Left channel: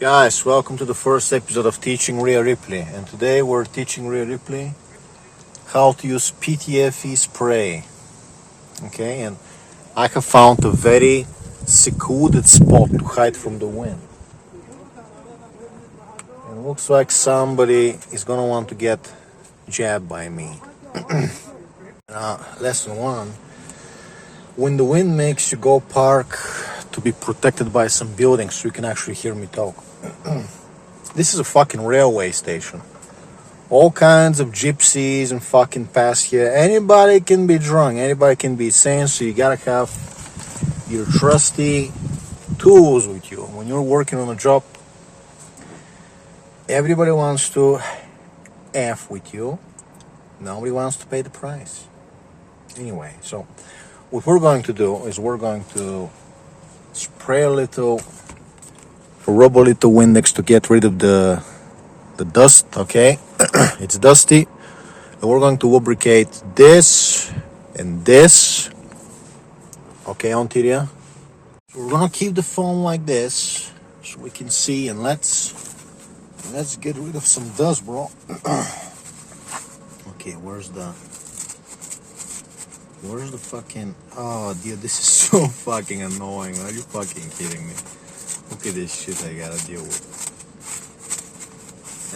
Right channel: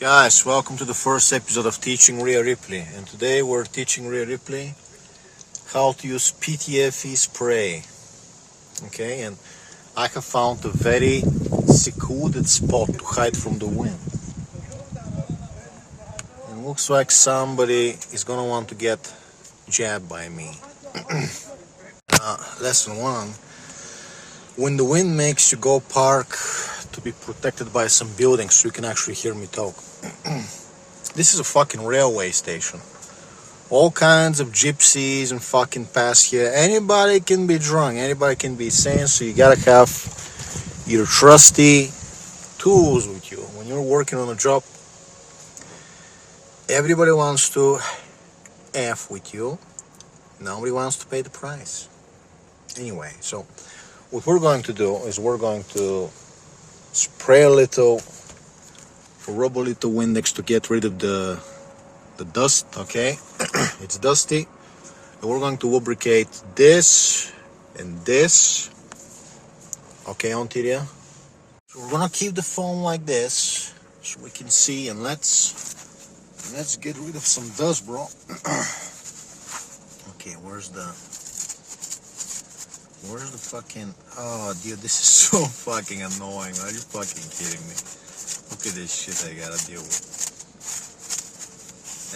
Guys, welcome to the first episode of Teaching Rhea Ripley, and today we're teaching Rhea Ripley how to use PTFE spray. Okay, and I have found a very secluded spot to hide from the wind. And looks like somebody is gonna want to get jabbed by me. Lesson 1: when the wind makes you go park to be protected by some buildings so you can actually hear me talk. This is a fucking railway station. All kinds of gypsies and fucking pass here. Anybody can be drunk, anybody can be insane, so you gotta have your trusty tools with you. When you're working on a job, everybody wants to F with you. Nobody wants to pay the price. Anyway, so what we're going to do is we're going to spray a little, rub a little Windex to get rid of the dust, okay? It's dusty. And we're going to lubricate this and this, okay, Ontiria? So we're gonna keep the foam like this so we can see, and let's get rid of some dust, bro. Okay, where's the fucking, oh dude, this is so fucking annoying. Are you fucking kidding me? Look at this shit I gotta deal with.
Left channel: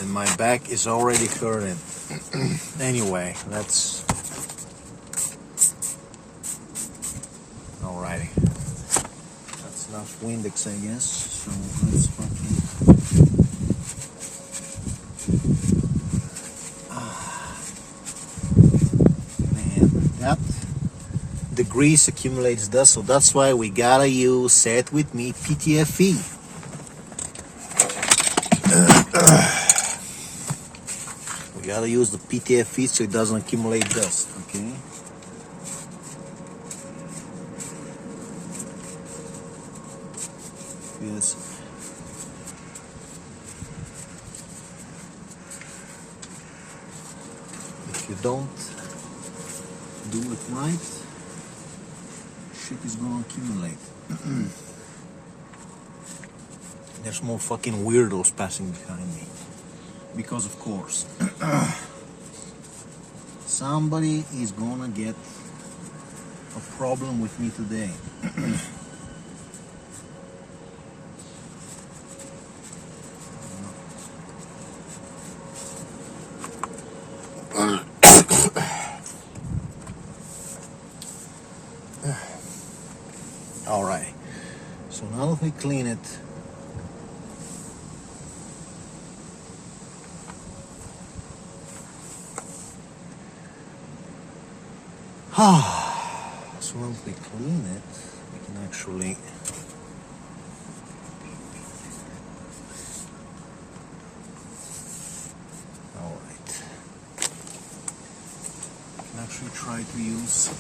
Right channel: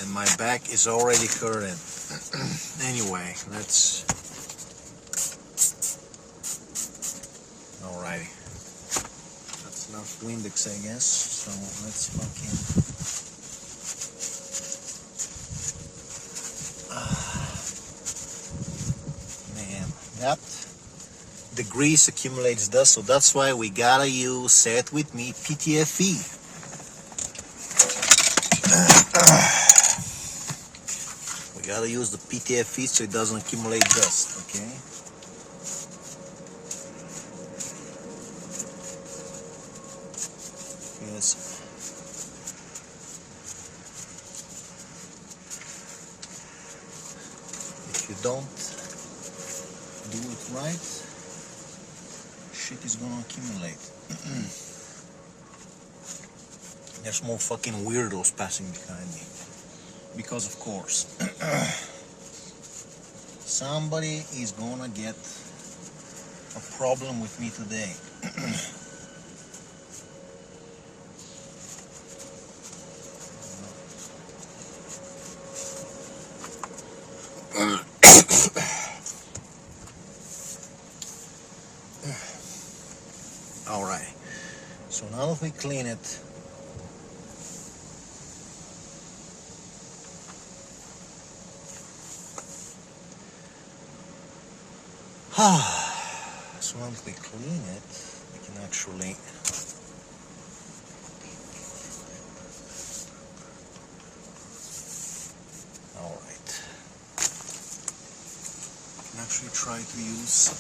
And my back is already hurting. Anyway, let's... Alrighty. That's enough Windex, I guess. So let's fucking... Man, that... The grease accumulates dust, so that's why we gotta use, say it with me, PTFE. We gotta use the PTFE so it doesn't accumulate dust, okay? Yes. If you don't do it right, shit is gonna accumulate. There's more fucking weirdos passing behind me. Because of course, somebody is gonna get a problem with me today. Alright, so now that we clean it, so once we clean it, we can actually try to use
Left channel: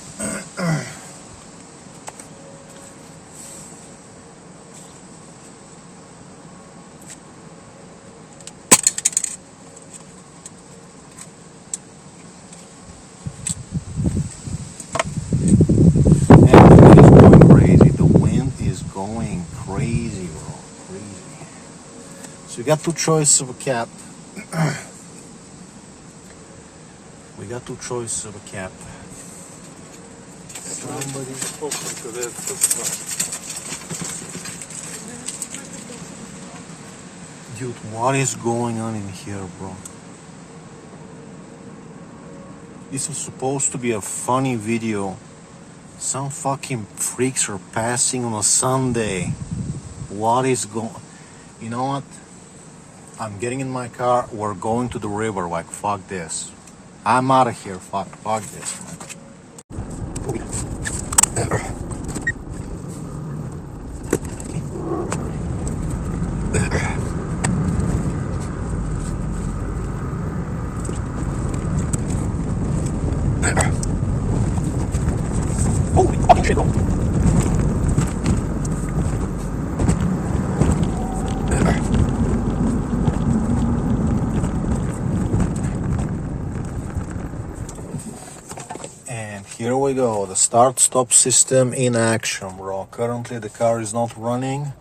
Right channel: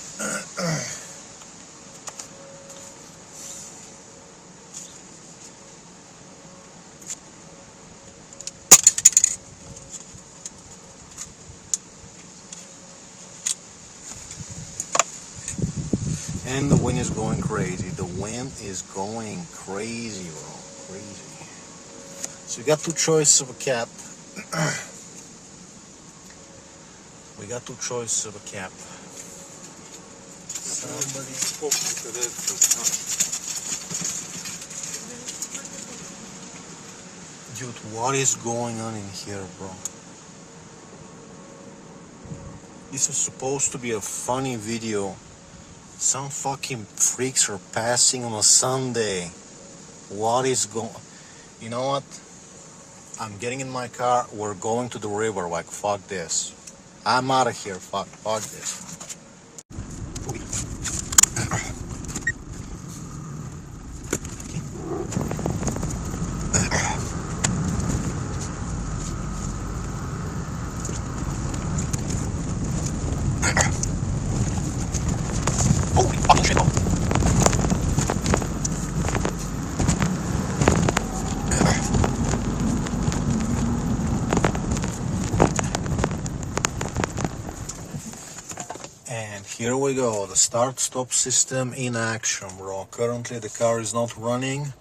going crazy, bro, crazy. So we got two choices of a cap. We got two choices of a cap. Somebody open to that. Dude, what is going on in here, bro? This is supposed to be a funny video. Some fucking freaks are passing on a Sunday. What is going... You know what? I'm getting in my car. We're going to the river. Like, fuck this. I'm out of here. Fuck this. Holy fucking shit, though. And here we go, the start-stop system in action, bro. Currently the car is not running.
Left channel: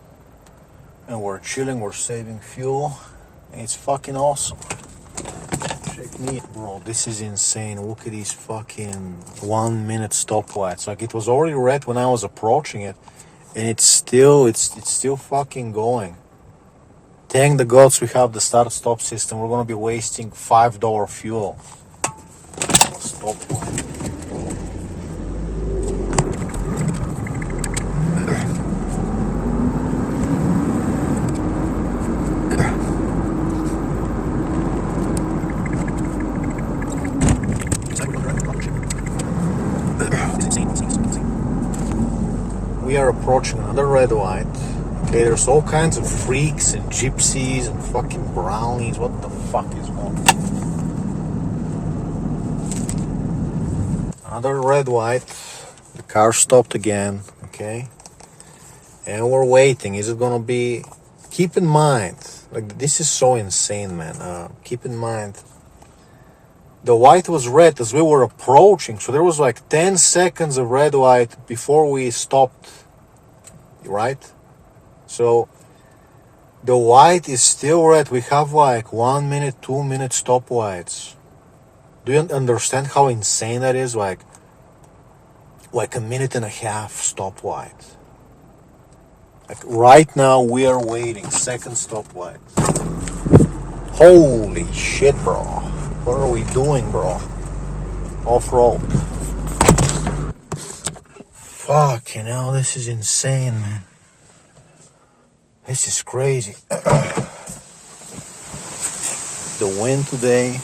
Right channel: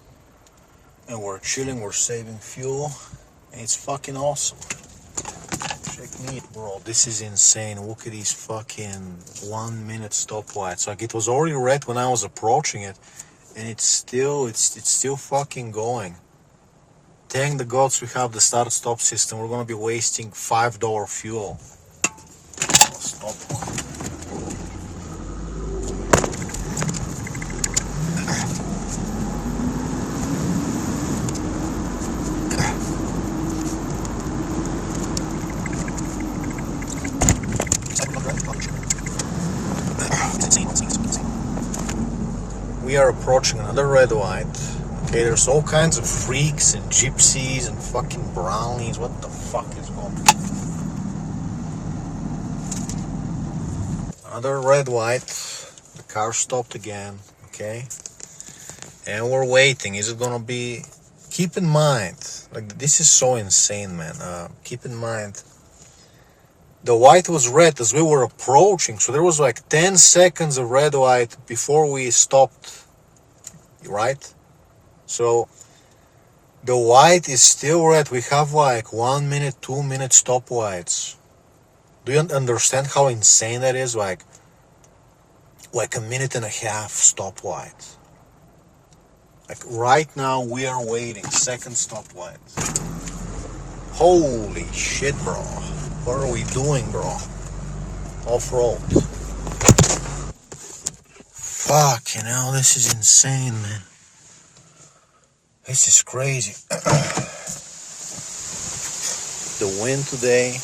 and we're chilling, we're saving fuel, and it's fucking awesome. Check me, bro, this is insane. Look at these fucking 1 minute stoplights. Like, it was already red when I was approaching it, and it's still fucking going. Thank the gods we have the start-stop system. We're gonna be wasting $5 fuel. Stop. We are approaching another red light. Okay, there's all kinds of freaks and gypsies and fucking brownies. What the fuck is going on? Another red light. The car stopped again. Okay, and we're waiting. Is it gonna be? Keep in mind, like, this is so insane, man. Keep in mind, the light was red as we were approaching, so there was like 10 seconds of red light before we stopped, right? So the light is still red. We have like 1 minute, 2 minute stoplights. Do you understand how insane that is? Like a minute and a half stoplight. Like, right now we are waiting, second stoplight. Holy shit, bro. What are we doing, bro? Off-road. Fucking hell, this is insane, man. This is crazy. The wind today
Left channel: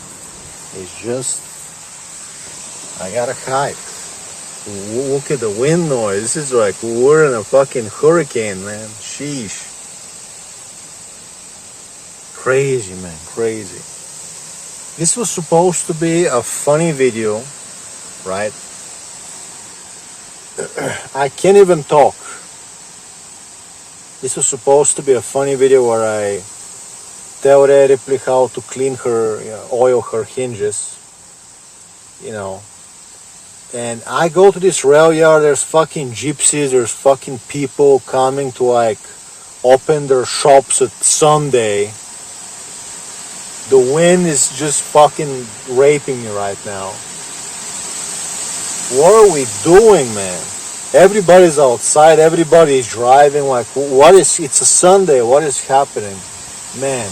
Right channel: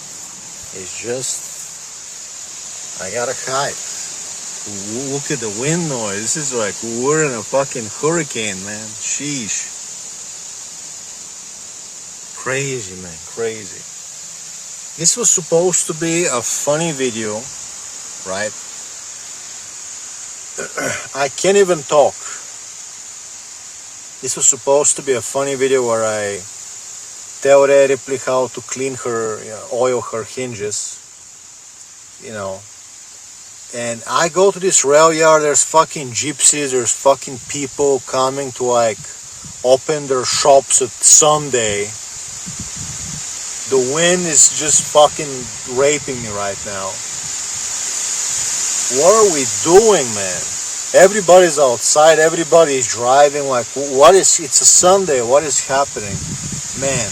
is just... I gotta hide. Look at the wind noise. This is like we're in a fucking hurricane, man. Sheesh. Crazy, man. Crazy. This was supposed to be a funny video, right? I can't even talk. This was supposed to be a funny video where I tell Rhea Ripley how to clean her, oil her hinges, And I go to this railyard, there's fucking gypsies, there's fucking people coming to like open their shops at Sunday. The wind is just fucking raping me right now. What are we doing, man? Everybody's outside, everybody's driving, like, it's a Sunday, what is happening? Man.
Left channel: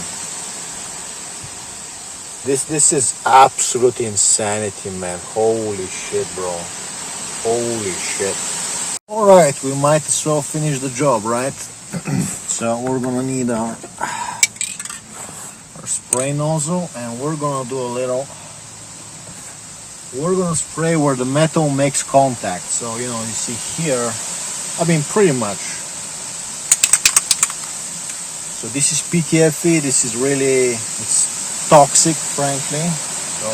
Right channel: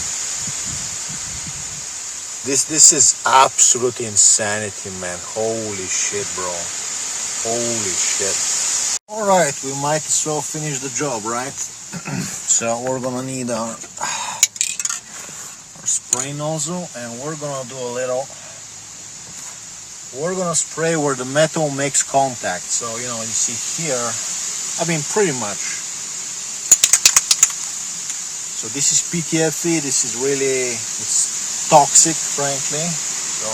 This is absolute insanity, man. Holy shit, bro. Holy shit. Alright, we might as well finish the job, right? So we're gonna need our spray nozzle, and we're gonna do a little... We're gonna spray where the metal makes contact. So, you see here, pretty much. So this is PTFE, this is really... It's toxic, frankly. So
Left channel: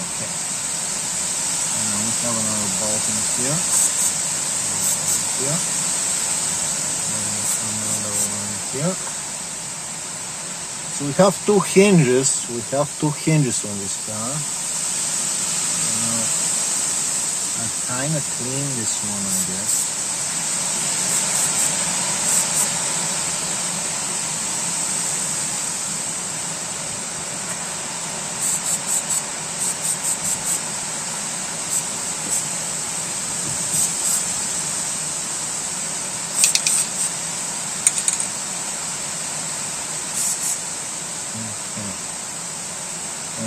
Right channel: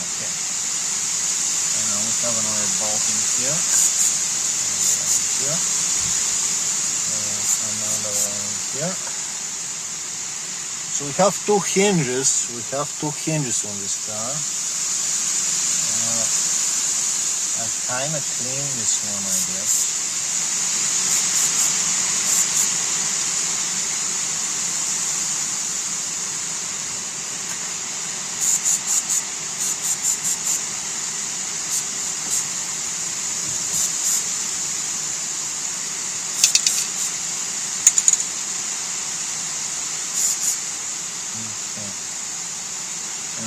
okay. And now we have another bolt in here. Here. Here. So we have two hinges. On this car. I kind of cleaned this one, I guess.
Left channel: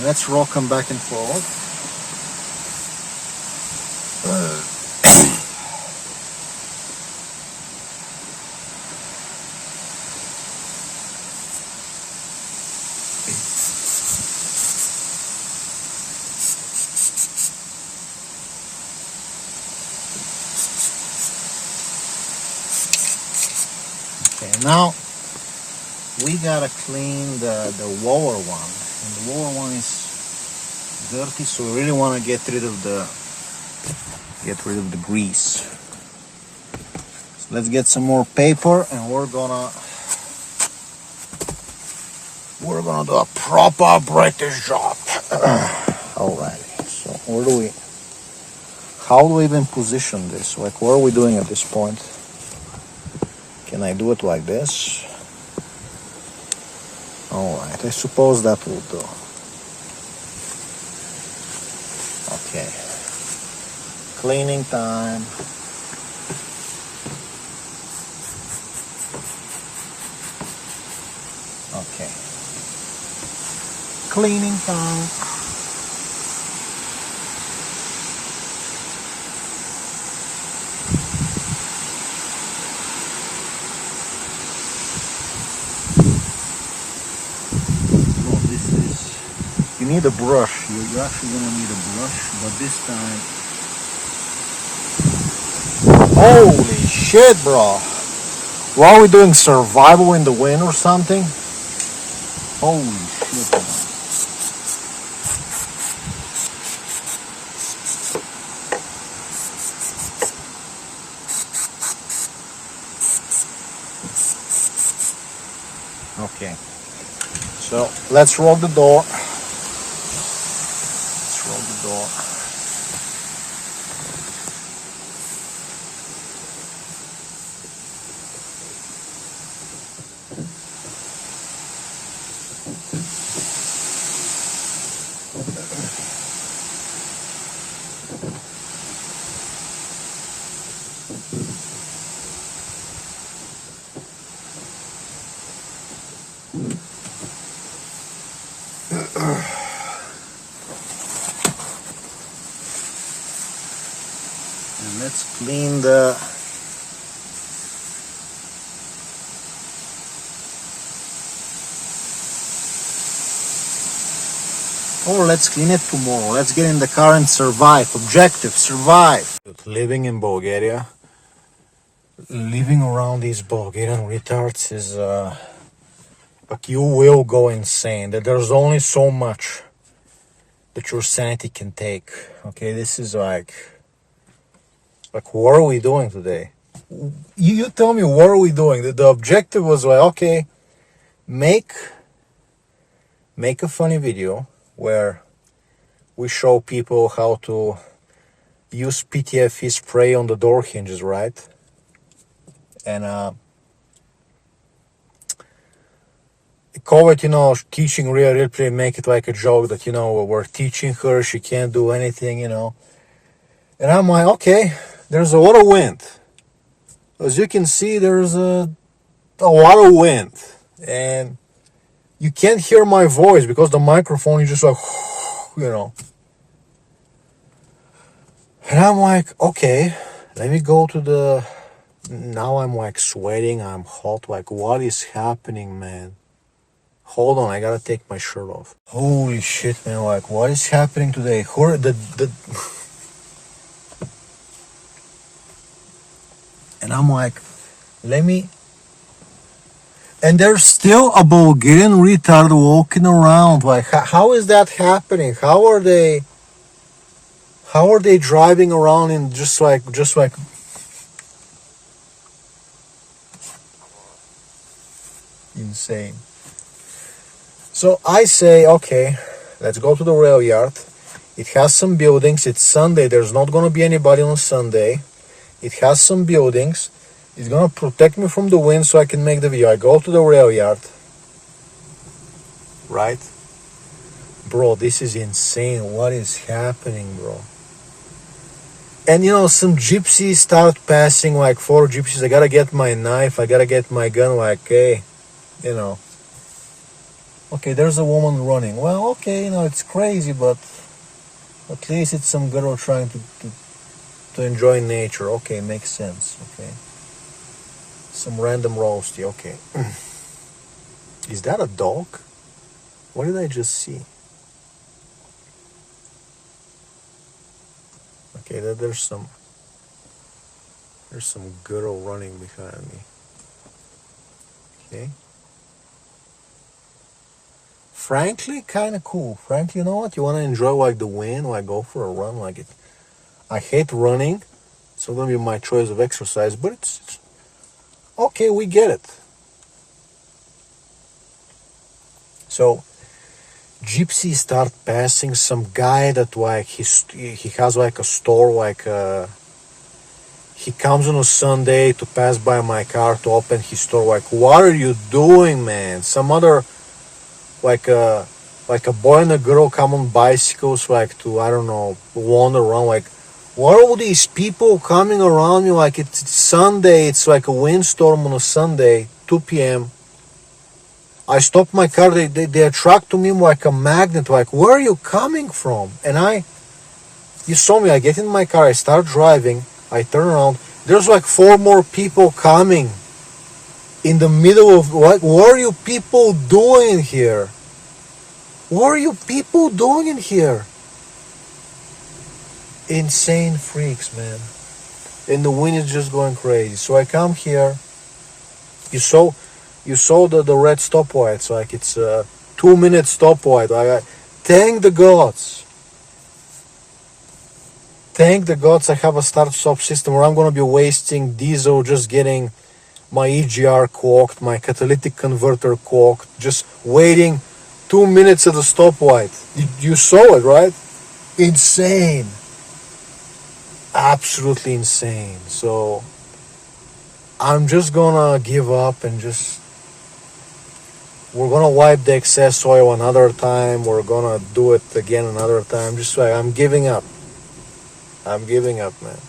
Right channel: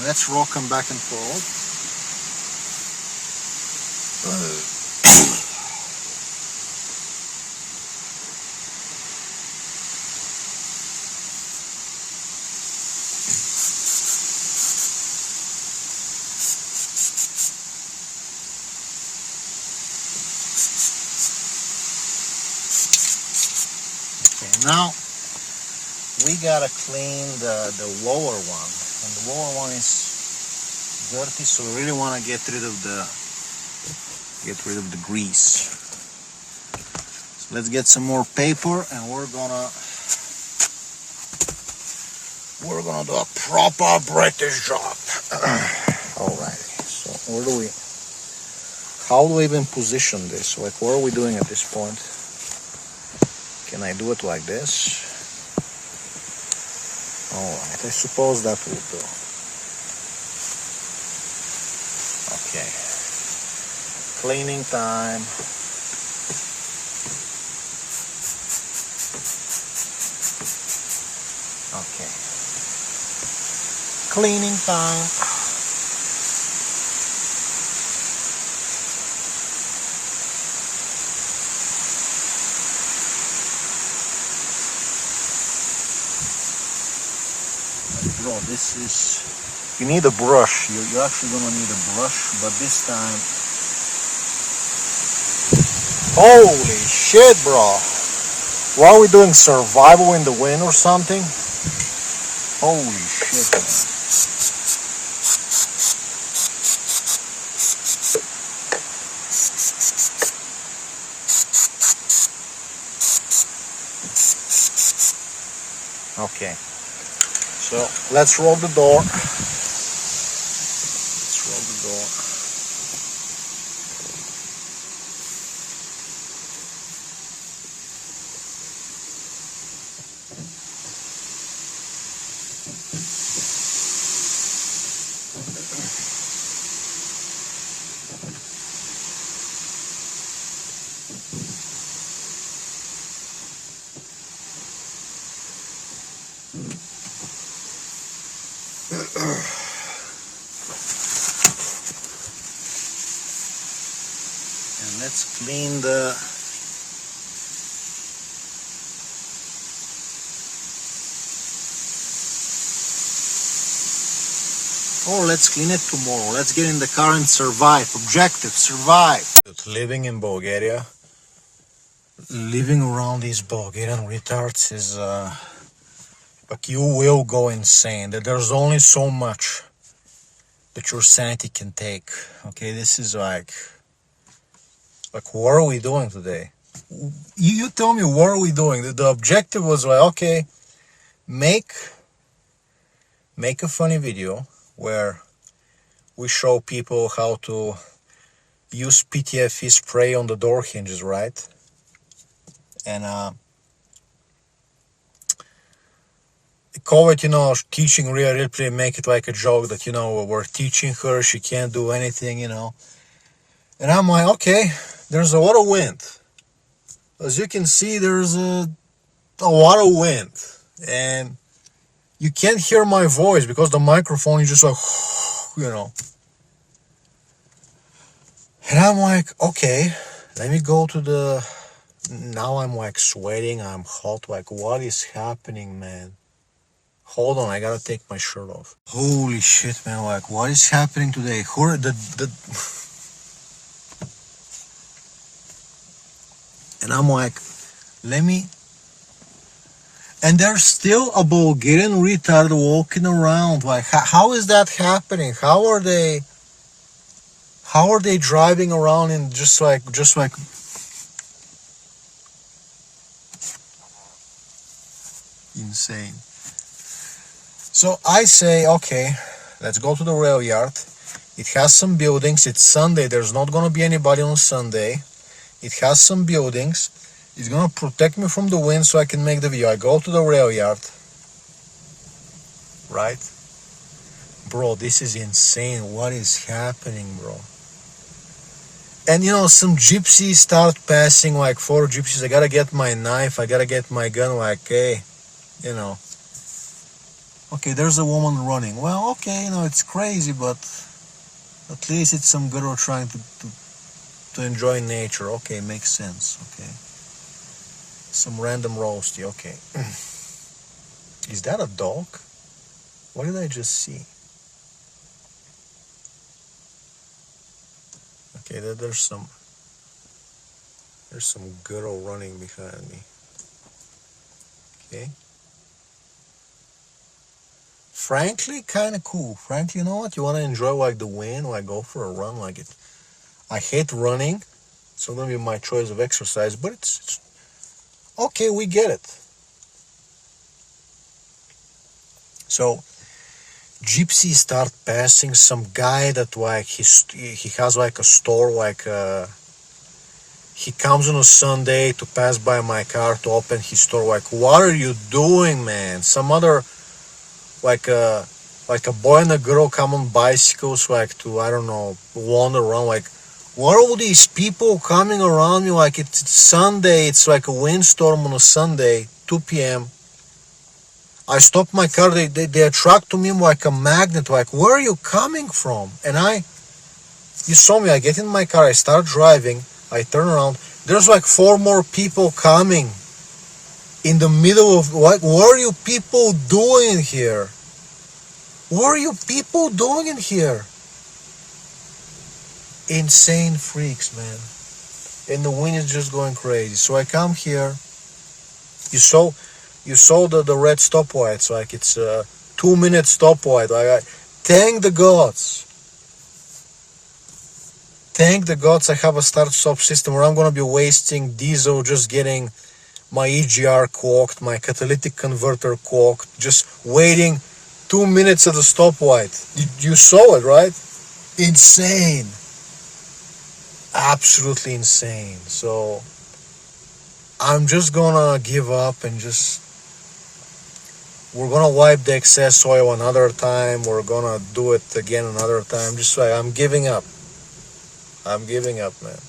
Let's rock them back and forth. Okay, now we gotta clean the lower one. And the lower one is dirty, so we really want to get rid of the get rid of the grease. So let's get some more paper, and we're gonna do a proper British job. Alrighty. So how do we even position this? Like, what are we doing at this point? Can I do it like this? Alright, I suppose that will do. Okay. Cleaning time. Okay. Cleaning time. You need a brush. You're actually gonna need a brush, but this time, holy shit, bro! What are we doing? Survival in the wind or something? Holy shit, man. Okay, so let's roll the door. And let's clean the let's clean it tomorrow. Let's get in the car and survive. Objective, survive. Living in Bulgaria, living around these Bulgarian retards is like, you will go insane. There's only so much that your sanity can take. Okay, this is like what are we doing today? You tell me, what are we doing? The objective was like, okay, make a funny video where we show people how to use PTFE spray on the door hinges, right? And call it, teaching Rhea Ripley, make it like a joke that, we're teaching her, she can't do anything, And I'm like, okay, there's a lot of wind. As you can see, there's a lot of wind. And you can't hear my voice because the microphone is just like, And I'm like, okay, let me go to the... Now I'm like sweating, I'm hot, like what is happening, man? Hold on, I gotta take my shirt off. Holy shit, man, like what is happening today? And I'm like, and there's still a Bulgarian retard walking around. Like, how is that happening? How are they driving around in just like insane? So I say, okay, let's go to the rail yard. It has some buildings. It's Sunday. There's not going to be anybody on Sunday. It has some buildings. It's going to protect me from the wind so I can make the video. I go to the rail yard. Right? Bro, this is insane. What is happening, bro? And, some gypsies start passing, like 4 gypsies. I got to get my knife. I got to get my gun. Like, hey, Okay, there's a woman running. Well, okay, it's crazy, but at least it's some girl trying to enjoy nature. Okay, makes sense. Okay. Some random roasty. Okay. Is that a dog? What did I just see? Okay, there's some girl running behind me. Okay. Frankly, kind of cool. Frankly, you know what? You want to enjoy like the wind, like go for a run, like it. I hate running. It's not going to be my choice of exercise, but it's okay, we get it. So gypsies start passing some guy that like he has like a store, like he comes on a Sunday to pass by my car to open his store. Like, what are you doing, man? Some other like a boy and a girl come on bicycles, like to, I don't know, wander around. Like, what are all these people coming around me? Like, it's Sunday, it's like a windstorm on a Sunday, 2 p.m. I stop my car, they attract to me like a magnet. Like, where are you coming from? And you saw me, I get in my car, I start driving, I turn around, there's like 4 more people coming in the middle of, like, what are you people doing here? What are you people doing in here? Insane freaks, man. And the wind is just going crazy. So I come here. You saw the red stoplights. Like, it's a 2-minute stoplight. Like, thank the gods. Thank the gods I have a start-stop system where I'm going to be wasting diesel just getting my EGR cooked, my catalytic converter cooked, just waiting 2 minutes at the stoplight. You saw it, right? Insane. Absolutely insane. So I'm just gonna give up and we're gonna wipe the excess oil another time. We're gonna do it again another time. Just like, I'm giving up. I'm giving up, man.